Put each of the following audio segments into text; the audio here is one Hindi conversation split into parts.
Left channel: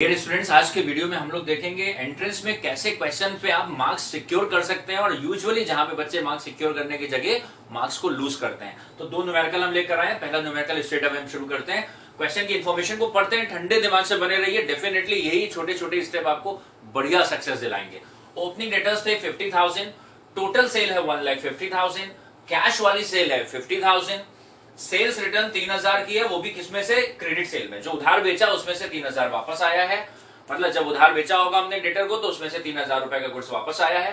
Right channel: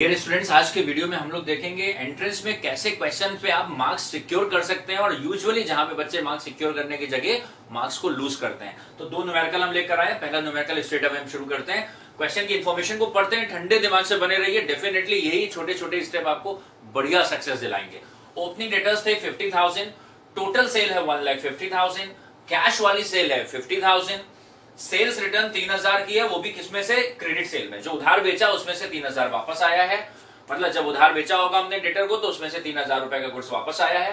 डियर स्टूडेंट्स, आज के वीडियो में हम लोग देखेंगे एंट्रेंस में कैसे क्वेश्चन पे आप मार्क्स सिक्योर कर सकते हैं और यूजुअली जहां पे बच्चे मार्क्स सिक्योर करने की जगह मार्क्स को लूज करते हैं। तो दो न्यूमेरिकल हम लेकर आए हैं। पहला न्यूमेरिकल स्ट्रेट अवे हम शुरू करते हैं। क्वेश्चन की इन्फॉर्मेशन को पढ़ते हैं, ठंडे दिमाग से बने रहिए। डेफिनेटली यही छोटे छोटे स्टेप आपको बढ़िया सक्सेस दिलाएंगे। ओपनिंग डेटर्स थे 50,000, टोटल सेल है 1,50,000, कैश वाली सेल है 50,000, सेल्स रिटर्न 3,000 की है, वो भी किसमें से? क्रेडिट सेल में। जो उधार बेचा उसमें से 3,000 वापस आया है। मतलब जब उधार बेचा होगा हमने डेटर को तो उसमें से 3,000 रुपए का गुड्स वापस आया है।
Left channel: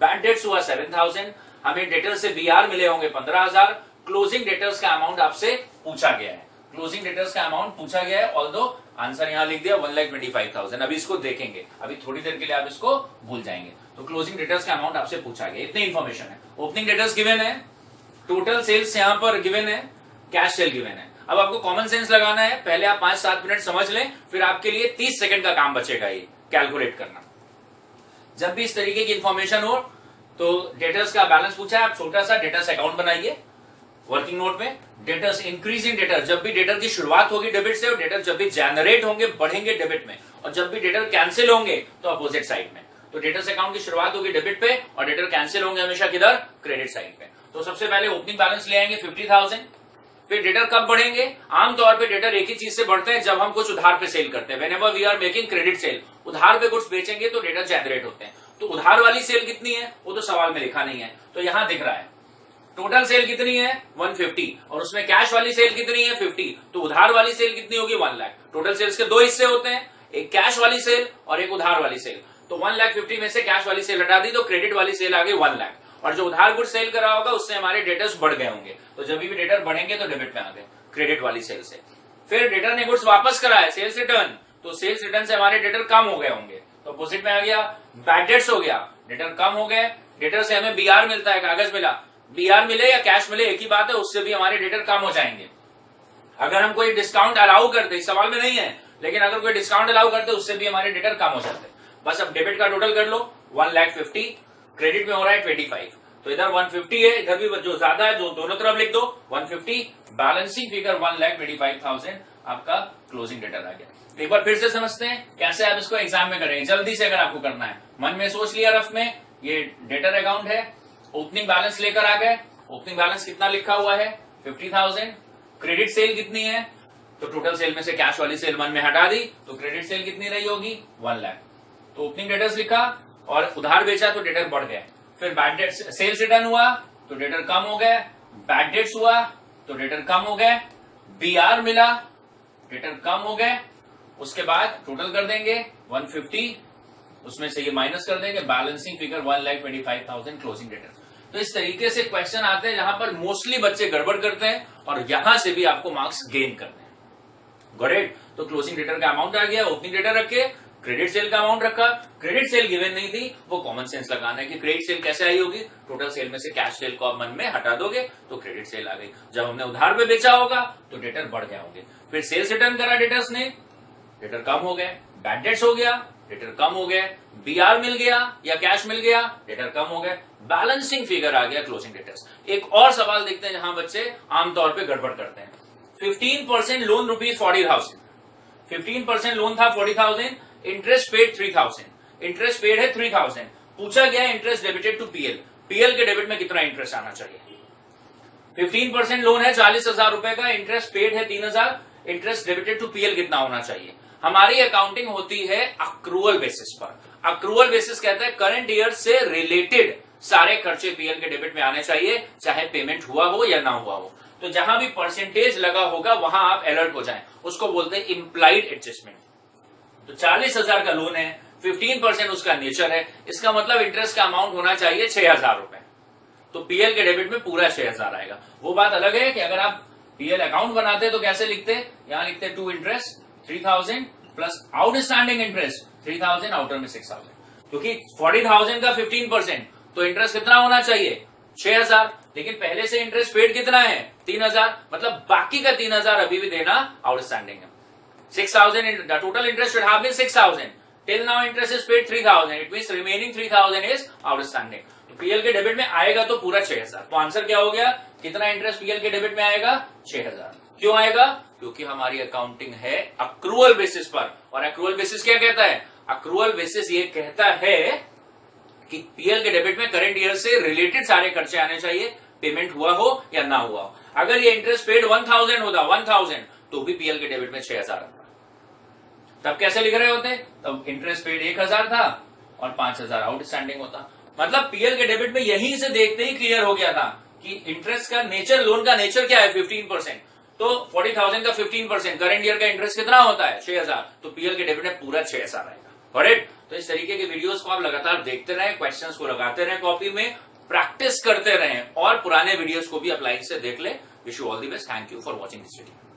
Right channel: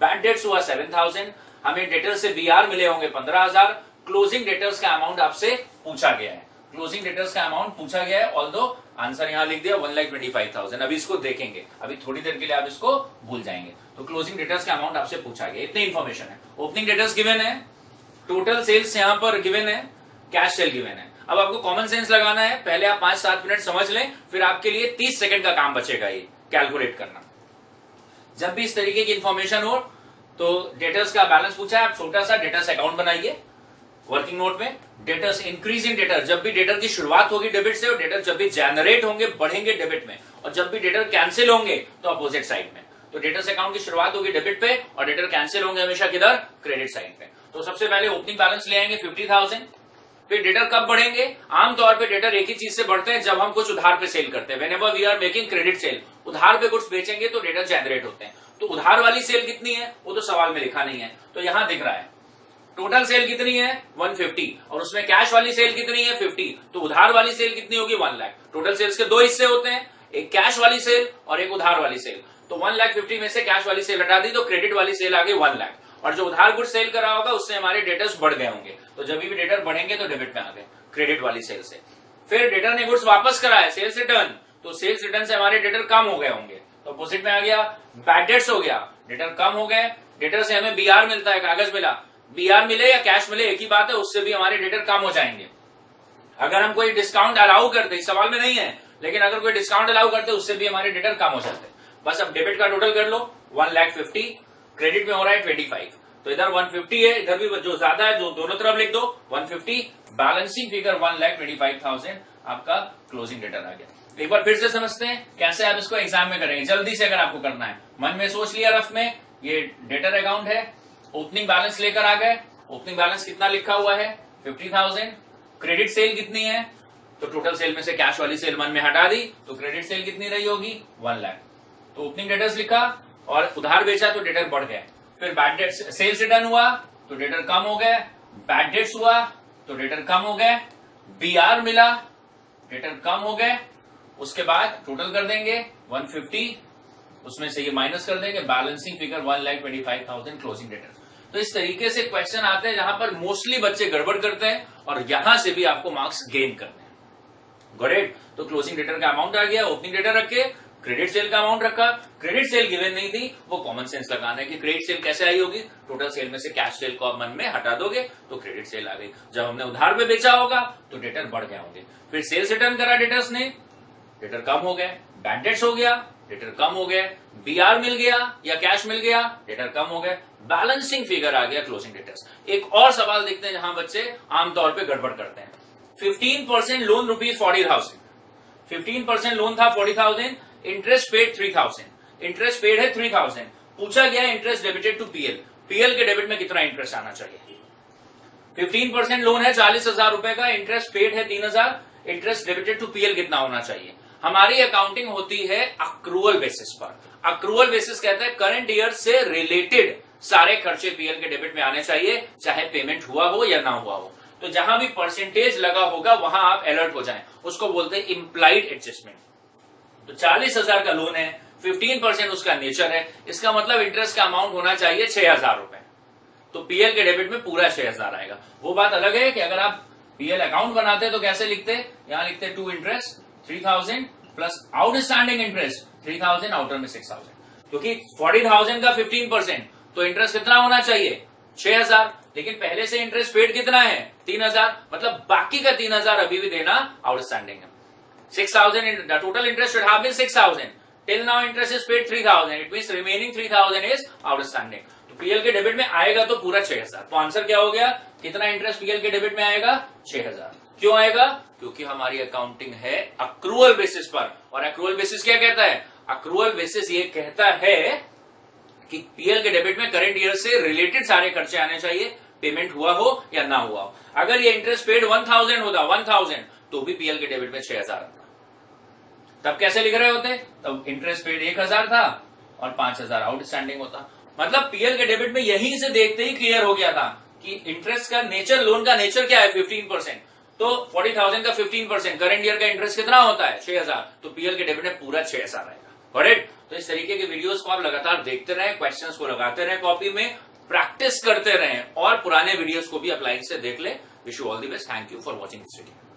बैड डेट्स हुआ 7,000, हमें डेटर से बीआर मिले होंगे 15,000। क्लोजिंग डेटर्स का अमाउंट आपसे पूछा गया है। क्लोजिंग डेटर्स का अमाउंट पूछा गया है, ऑल्दो आंसर यहां लिख दिया 1,25,000। अभी इसको देखेंगे, अभी थोड़ी देर के लिए आप इसको भूल जाएंगे। तो क्लोजिंग डेटर्स का अमाउंट आपसे पूछा गया, इतनी इंफॉर्मेशन है। ओपनिंग डेटर्स गिवन है, टोटल सेल्स यहां पर गिवन है, कैश सेल गिवन है। अब आपको कॉमन सेंस लगाना है। पहले आप 5-7 मिनट समझ लें, फिर आपके लिए 30 सेकंड का काम बचेगा ये कैलकुलेट करना। जब भी इस तरीके की इंफॉर्मेशन हो तो डेटर्स का बैलेंस पूछा है, आप छोटा सा डेटर्स अकाउंट बनाइए वर्किंग नोट में। डेटर्स इंक्रीजिंग डेटर, जब भी डेटर की शुरुआत होगी डेबिट से, और डेटर जब भी जनरेट होंगे बढ़ेंगे डेबिट में, और जब भी डेटर कैंसिल होंगे तो अपोजिट साइड में। तो डेटर्स अकाउंट की शुरुआत होगी डेबिट पे और डेटर कैंसिल होंगे हमेशा किधर? क्रेडिट साइड पे। तो सबसे पहले ओपनिंग बैलेंस ले आएंगे 50,000। फिर डेटर कब बढ़ेंगे? आमतौर पे डेटर एक ही चीज से बढ़ते हैं, जब हम कुछ उधार पे सेल करते हैं। Whenever we are making credit sale, उधार पे गुड्स बेचेंगे तो डेटर जनरेट होते हैं। तो उधार वाली सेल कितनी है वो तो सवाल में लिखा नहीं है, तो यहां दिख रहा है। टोटल सेल कितनी है? 150, और उसमें कैश वाली सेल कितनी है? 50। तो उधार वाली सेल कितनी होगी? 1 लाख। टोटल सेल्स के दो हिस्से होते हैं, एक कैश वाली सेल और एक उधार वाली सेल। तो 1,50,000 में से कैश वाली सेल हटा दी तो क्रेडिट वाली सेल आ गई 1 लाख, और जो उधार गुड सेल करा होगा उससे हमारे डेटर्स बढ़ गए होंगे। तो जब भी डेटर बढ़ेंगे तो डेबिट में आ गए क्रेडिट वाली सेल से। फिर डेटर ने गुड्स वापस कराया, सेल्स रिटर्न, तो सेल्स रिटर्न से हमारे डेटर कम हो गए होंगे, तो अपोजिट में आ गया। बैड डेट्स हो गया, डेटर कम हो गए। डेटर से हमें बीआर मिलता है, कागज मिला, बीआर मिले या कैश मिले एक ही बात है, उससे भी हमारे डेटर कम हो जाएंगे। अगर हम कोई डिस्काउंट अलाउ करते, इस सवाल में नहीं है, लेकिन अगर कोई डिस्काउंट अलाउ करते उससे भी हमारे डेटर कम हो जाते। बस अब डेबिट का टोटल कर लो 1,50,000, क्रेडिट में हो रहा है 25, तो इधर 150 है, इधर भी जो ज्यादा है जो दोनों तरफ लिख दो 150। बैलेंसिंग फिगर 1,25,000 आपका क्लोजिंग डेटर आ गया। एक बार फिर से समझते हैं कैसे आप इसको एग्जाम में करेंगे, जल्दी से अगर आपको करना है। मन में सोच लिया रफ में, ये डेटर अकाउंट है, ओपनिंग बैलेंस लेकर आ गए। ओपनिंग बैलेंस कितना लिखा हुआ है? 50,000। क्रेडिट सेल कितनी है? तो टोटल सेल में से कैश वाली सेल मन में हटा दी, तो क्रेडिट सेल कितनी रही होगी? 1 लाख। तो ओपनिंग डेटर्स लिखा और उधार बेचा तो डेटर बढ़ गए। फिर बैड डेट्स, सेल्स रिटर्न हुआ तो डेटर कम हो गए। बैड डेट्स हुआ तो डेटर कम हो गए। बीआर मिला, डेटर कम हो गए। उसके बाद टोटल कर देंगे 150, उसमें से ये माइनस कर देंगे, बैलेंसिंग फिगर 1,25,000 क्लोजिंग डेटर। तो इस तरीके से क्वेश्चन आते हैं जहां पर मोस्टली बच्चे गड़बड़ करते हैं और यहां से भी आपको मार्क्स गेन करने हैं। ग्रेट। तो क्लोजिंग डेटर का अमाउंट आ गया, ओपनिंग डेटर रखे, क्रेडिट सेल का अमाउंट रखा। क्रेडिट सेल गिवन नहीं थी, वो कॉमन सेंस लगाना है कि क्रेडिट सेल कैसे आई होगी? टोटल सेल में से कैश सेल को आप मन में हटा दोगे तो क्रेडिट सेल आ गई। जब हमने उधार पे बेचा होगा तो डेटर बढ़ गए होंगे। फिर सेल्स रिटर्न करा डेटर्स ने, डेटर कम हो गए। बैड डेट्स हो गया, डेटर कम हो गए। बीआर मिल गया या कैश मिल गया, डेटर कम हो गए। बैलेंसिंग फिगर आ गया क्लोजिंग डेटर्स। एक और सवाल देखते हैं जहां बच्चे आमतौर पर गड़बड़ करते हैं। 15% लोन ₹40,000, 15% लोन था 40,000, इंटरेस्ट पेड 3,000, इंटरेस्ट पेड है 3,000। पूछा गया interest debited to PL, PL के डेबिट में कितना इंटरेस्ट आना चाहिए? 15% लोन है 40,000 रुपए का, इंटरेस्ट पेड है 3,000, इंटरेस्ट डेबिटेड टू पीएल कितना होना चाहिए? हमारी अकाउंटिंग होती है अक्रूवल बेसिस पर। अक्रूवल बेसिस कहता है करंट ईयर से रिलेटेड सारे खर्चे पीएल के डेबिट में आने चाहिए, चाहे पेमेंट हुआ हो या ना हुआ हो। तो जहां भी परसेंटेज लगा होगा वहां आप अलर्ट हो जाएं, उसको बोलते हैं इंप्लाइड एडजस्टमेंट। तो 40,000 का लोन है, 15% उसका नेचर है, इसका मतलब इंटरेस्ट का अमाउंट होना चाहिए 6,000 रुपए। तो पीएल के डेबिट में पूरा 6,000 आएगा। वो बात अलग है कि अगर आप पीएल अकाउंट बनाते तो कैसे लिखते? यहां लिखते to interest 3,000 plus outstanding interest 3,000, outer में 6,000, क्योंकि 40,000 का 15%, तो इंटरेस्ट कितना होना चाहिए? 6,000। लेकिन पहले से इंटरेस्ट पेड कितना है? 3,000, मतलब बाकी का 3,000 अभी भी देना आउटस्टैंडिंग है। 6,000, the total interest should have been 6,000. Till now interest is paid 3,000. It means remaining 3,000 is outstanding. तो पीएल के डेबिट में आएगा तो पूरा 6,000। तो आंसर क्या हो गया? कितना इंटरेस्ट पीएल के डेबिट में आएगा? 6,000। क्यों आएगा? क्योंकि हमारी अकाउंटिंग है अक्रूअल बेसिस पर, और अक्रूअल बेसिस क्या कहता है? अक्रूअल बेसिस ये कहता है कि पीएल के डेबिट में करंट ईयर से रिलेटेड सारे खर्चे आने चाहिए, पेमेंट हुआ हो या ना हुआ हो। अगर ये इंटरेस्ट पेड 1000 होता, 1000, तो भी पीएल के डेबिट में 6000 आता। तब कैसे लिख रहे होते? तब इंटरेस्ट पेड 1000 था और 5000 आउटस्टैंडिंग होता। मतलब पीएल के डेबिट में यहीं से देखते ही क्लियर हो गया था कि इंटरेस्ट का नेचर, लोन का नेचर क्या है, 15%। तो 40,000 का 15%, करंट ईयर का इंटरेस्ट कितना होता है? 6000। तो पीएल के डेबिट में पूरा 6000 आएगा। करेक्ट? तो इस तरीके के वीडियोस को आप लगातार देखते रहें, क्वेश्चंस को लगाते रहें कॉपी में, प्रैक्टिस करते रहें और पुराने वीडियोस को भी अप्लाई से देख ले। Wish you all the best. Thank you for watching this video.